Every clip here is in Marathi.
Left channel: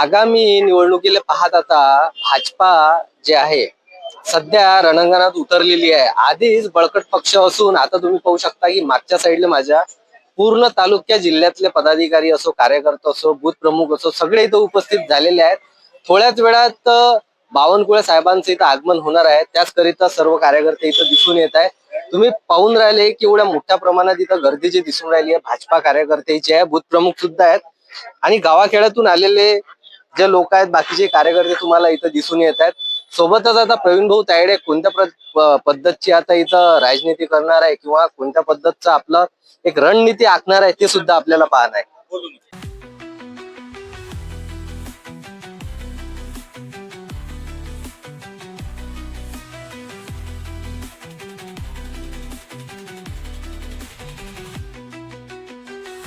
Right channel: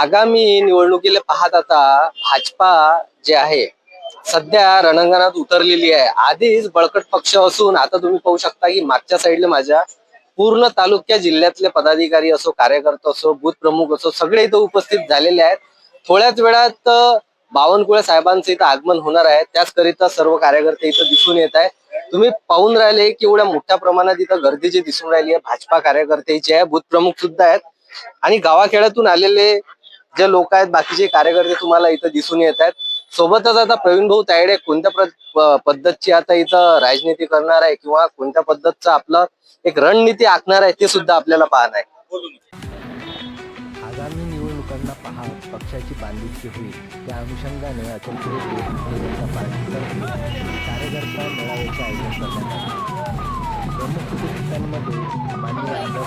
आगामी निवडणुकीला पाहत आता भाजपा जे आहे सध्या रणांगणात उतरलेली आहे. आधीच बळकट पक्ष असून आता तुम्ही पाहू शकता की मागच्या साईडला माझ्या पूर्ण तालुक्या जिल्ह्यातले पदाधिकारी असो कार्यकर्ते असो बूथ प्रमुख असो सगळे इथं उपस्थित झालेले आहेत. थोड्याच वेळात बावनकुळे साहेबांचं इथं आगमन होणार आहे. त्याचकरिता सर्व कार्यकर्ते इथं दिसून येत आहे तुम्ही पाहून राहिले की एवढ्या मोठ्या प्रमाणात इथं गर्दी जी दिसून राहिली आहे भाजपा कार्यकर्त्याची आहे बूथ प्रमुख सुद्धा आहेत. आणि गावाखेड्यातून आलेले जे लोक आहेत बाकीचे कार्यकर्ते तुम्हाला इथं दिसून येत आहेत. सोबतच आता प्रवीण भाऊ तायडे कोणत्या पद्धतची आता इथं राजनीती करणार आहे किंवा कोणत्या पद्धतचं आपलं एक रणनीती आखणार आहे ते सुद्धा आपल्याला पाहणं आहे. आगामी निवडणुकांना पाहत पक्षाची बांधिलकी होईल. त्या अनुषंगाने अचल कार्यकर्ता मेळाव्याचे आयोजन करण्यात आले. प्रमुख उपस्थितांमध्ये माननीय आमदार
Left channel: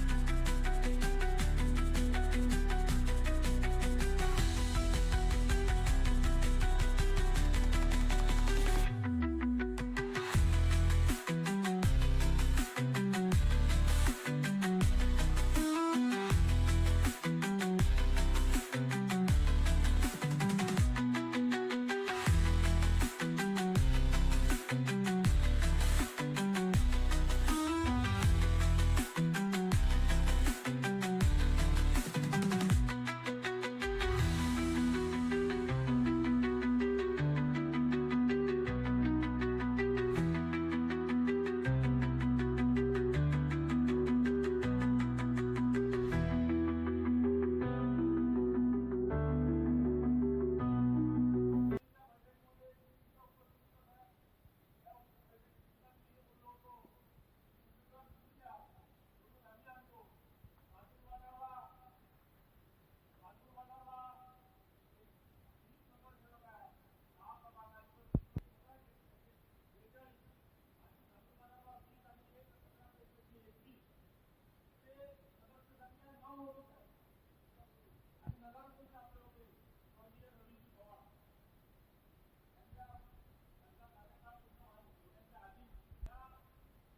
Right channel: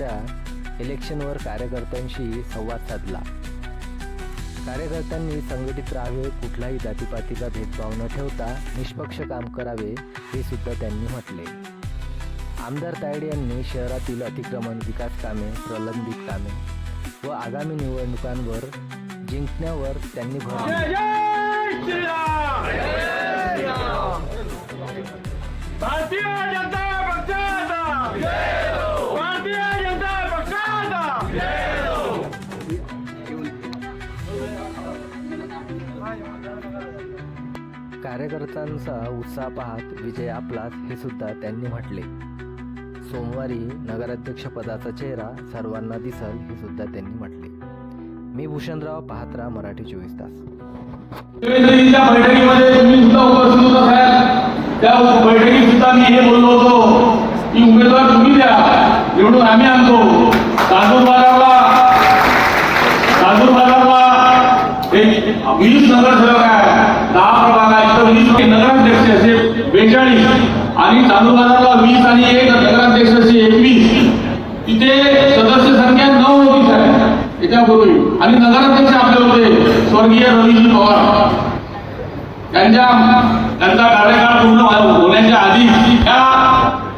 परिषदांच्या इलेक्शनवर कार्यकर्त्यांशी संवाद साधला. कार्यकर्त्यांनी संघटित राहावे कुठलाही जातीपातीचा भेदभाव न ठेवता निष्पक्ष काम करावे हे सुद्धा त्यांनी म्हटले. आमदार तायडे यांनी शहरातील अतिक्रमण विकास कामे प्रलंबित कामे व आगामी निवडणुकांवर जिंकण्यावर त्यांनी भर भारतीय जनता कार्यकर्त्यांचा उत्साह पाहत विजय आपलाच हे सुद्धा त्यांनी म्हटले. सोमवारी नगराध्यक्षपदाचा चेहरा सर्वांना दिसल हे सुद्धा त्यांनी म्हटले. मी भूषणराव पाहत्रा मराठी चोवीस तास. बैठकीमध्ये तुम्ही सुद्धा उपस्थित त्या बैठकीत सुद्धा मी हे बोललो होतो की उमेदवार तुम्ही द्या निवडून आम्ही आणतो. तांदूर बाजारला एक वीस नगरसेवक आहे दहा प्रभाग आहे तर वीस नगराध्यक्ष असे बेचाळीस आणि वीस आणि एक नगराध्यक्ष एकवीस. तिथे सदस्य संख्या नऊ होती साहेब याच्यापूर्वी. आणि नगराध्यक्ष आपले होते स्वर्गीय रवीजी पवार. त्यांच्या त्यांचा कार्यकाळ पूर्ण हो-, होण्याच्या आधी त्या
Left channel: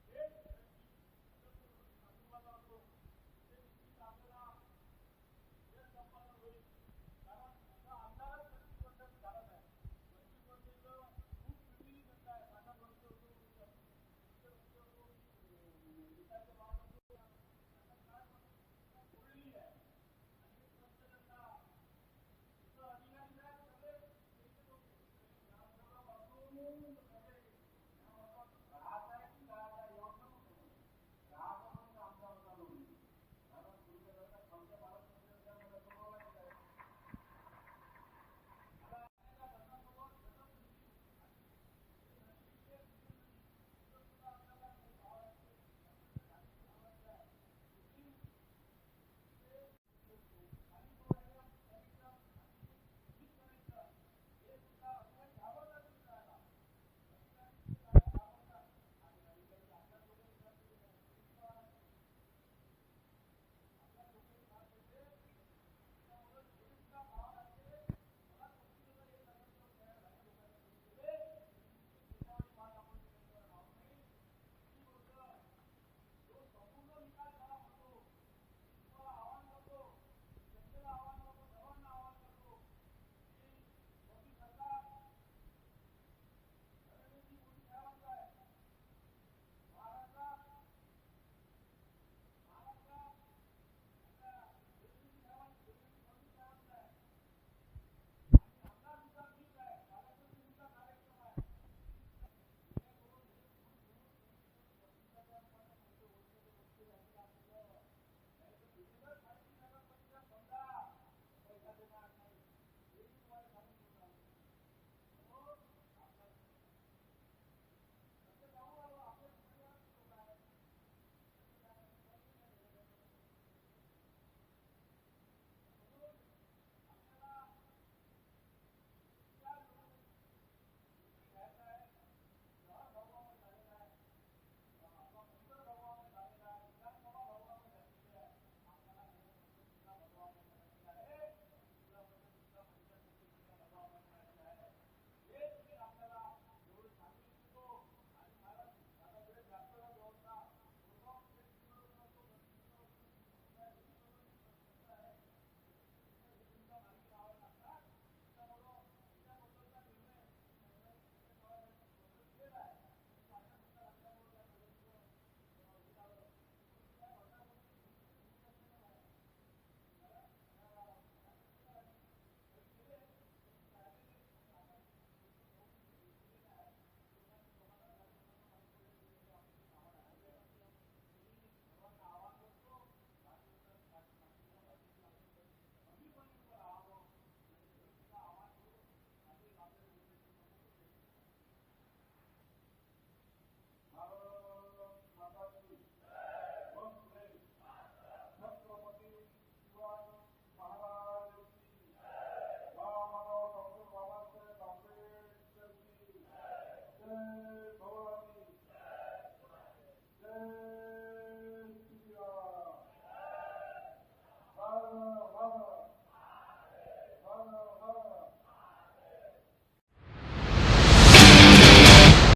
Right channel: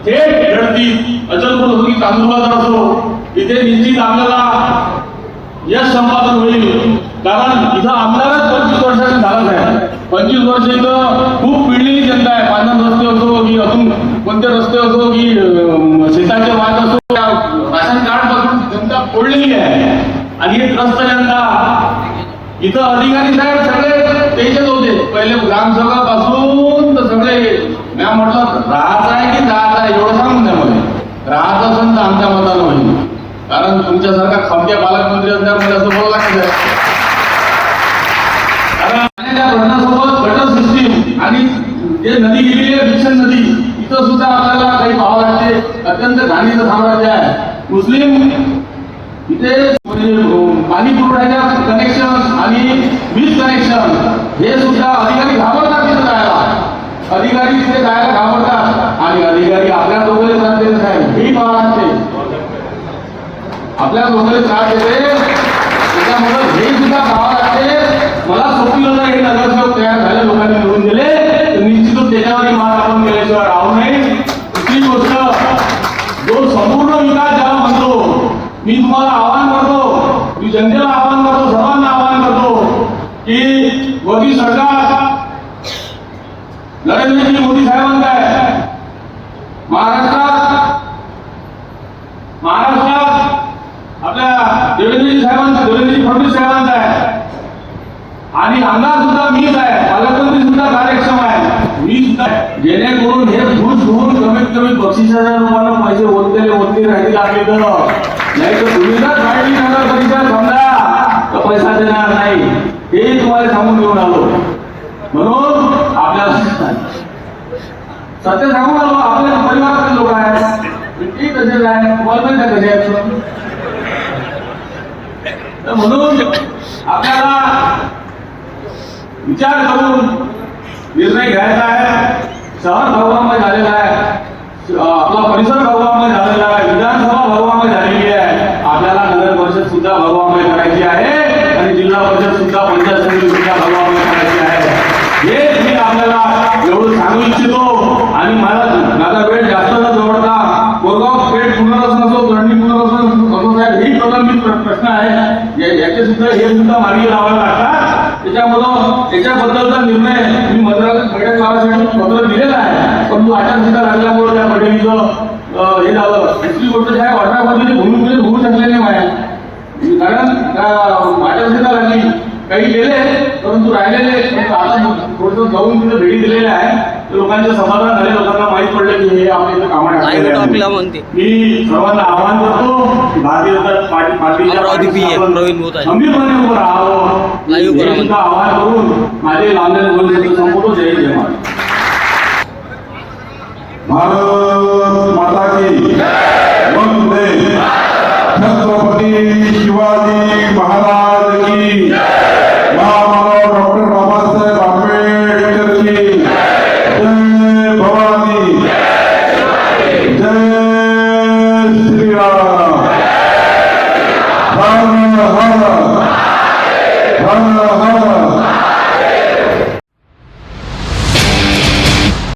थेट लढतीत अचलपूर असो की तांदूळबाजार असो इथे निश्चित आपल्याला यश संपादन होईल. कारण इथं आमदारच पंचवीस वर्षांनी झालाच आहे पंचवीस वर्ष इथं खूप पिढलेली जनता आहे पांढर रस्ते असो की अजून कोणते रस्ते असो की अं, शेताचे वाद असो त्या राशन कार्डपासून जनता फोडलेली आहे आणि इथं अधिकारी साहेब सगळे त्याच्यात होते. पहिले ग्रामसभापासून तर सगळे. मी म्हटलं राहायचं आहे की जायचं आहे? एवढं सांगून द्या मला. राहत असेल तर आमच्या मतानं होईल. कारण तुमच्यासारखा खमक्या पालकमंत्री असल्यामुळे असं बोलावं लागतं कारण पाण्याच्या सिस्टीम आणि जे नदी गेलेली आहे भिक्षण नदी इथं सुद्धा आपल्याला काही पाहावं लागते अत्यंत घाणीचं साम्राज्य आहे. मुस्लिम इथे पाणी पुरवठ्याच्या कनेक्शन आणि वीज कनेक्शन हे सुद्धा अधिकारी घाबरतात तिथे जायला. अधिकारी तिथे जायला घाबरतात. आणि अधिकारी आपल्या दोघे त्रास देत साहेब. ही महाराष्ट्र आपल्या दोघे त्रास देते. त्याच्यामुळे हे सुद्धा पाहावं लागते. मला सोपी होता हे नगरसेवक तयार झाले लोकांनी निवडून दिले. निश्चितच त्याच्यावर मात आपण केल्याशिवाय राहू नये. दुसरी गोष्ट जो संपूर्ण विकास ज्याला म्हणतो मी तुम्हाला जनतेला आवाहन करतो सर्वांना आवाहन करतो की मोदी सरकार नरेंद्रजी मोदी साहेबांचं आहे महाराष्ट्रात महाराष्ट्रात आपल्या देवेंद्रजी साहेबांचा देवेंद्रजी फडणवीस साहेबांचा आहे. आणि आमदार सुद्धा मीच आहे पालकमंत्री सुद्धा कार्यक्षम आहे. मी सुद्धा जेणेकरून हे घुस घेऊन कमीत कमी बक्षिसाच्या रूपानं पैसे ओतलेले ओतले राहतील आपले तर. नाही तर तुम्ही जर काढली नगर परिषद समजा तर पैसा देणार नाही हे तुम्हाला सांगून घेऊन आलो म्हणून आपल्याला सत्य सांगू आलो आपल्या परिवारातले लोक आहेत. ती कसे आहे तुम्हाला माहिती कसे आहेत तर म्हणून आपल्याला विचार करून निर्णय घ्यायचा आहे. शहर भगवामय झालेला आहे अं, आपला परिसर भगवामय झालेला आहे विधानसभा भगवामय झालेली आहे आपल्याला नगर परिषद सुद्धा भगवामय करायची आहे आणि जिल्हा परिषद सुद्धा पंचायत समिती सुद्धा भगवामय करायची आहे हे मी आपल्याला एवढं सांगू इच्छितो आणि मला माझा वेळ जास्त न जवळता कोरगाव पेठ पुनर्वसन असो दंडी पुनर्वसन असो साहेब ही प्रलंबित प्र- प्रश्न आहे या- याचे सुद्धा हे सुद्धा मार्गी लावावे लागतात. त्याच्यामुळं त्याच्याबद्दलचा निर्णय मी मंत्रालयात बैठक लावायसाठी पत्र दिलेला आहे. परंतु आचारसंहिता लागल्यामुळे त्या बैठकीचं अं, हे झालं दुसरी गोष्ट काय अठरा पद्धती भूमिपूजन होऊ शकले नाही माझ्या कारण त्या आचारसंहिता लागली काही गेले परंतु राहिलेले परंतु आता थोडंसं जाऊन तिथे भेटी दिलेल्या आहे. लोकांचे समाधान झाले लोकांना माहीत पडलं की हे आपल्या इथं आहे. मी सर्वांना आवाहन करतो की भारतीय जनता पार्टी. खंबीरपणे उभं राहावं. हे आवाहन करून माझे लावलेले बोलणे संपवतो. जय जय महाराज भारत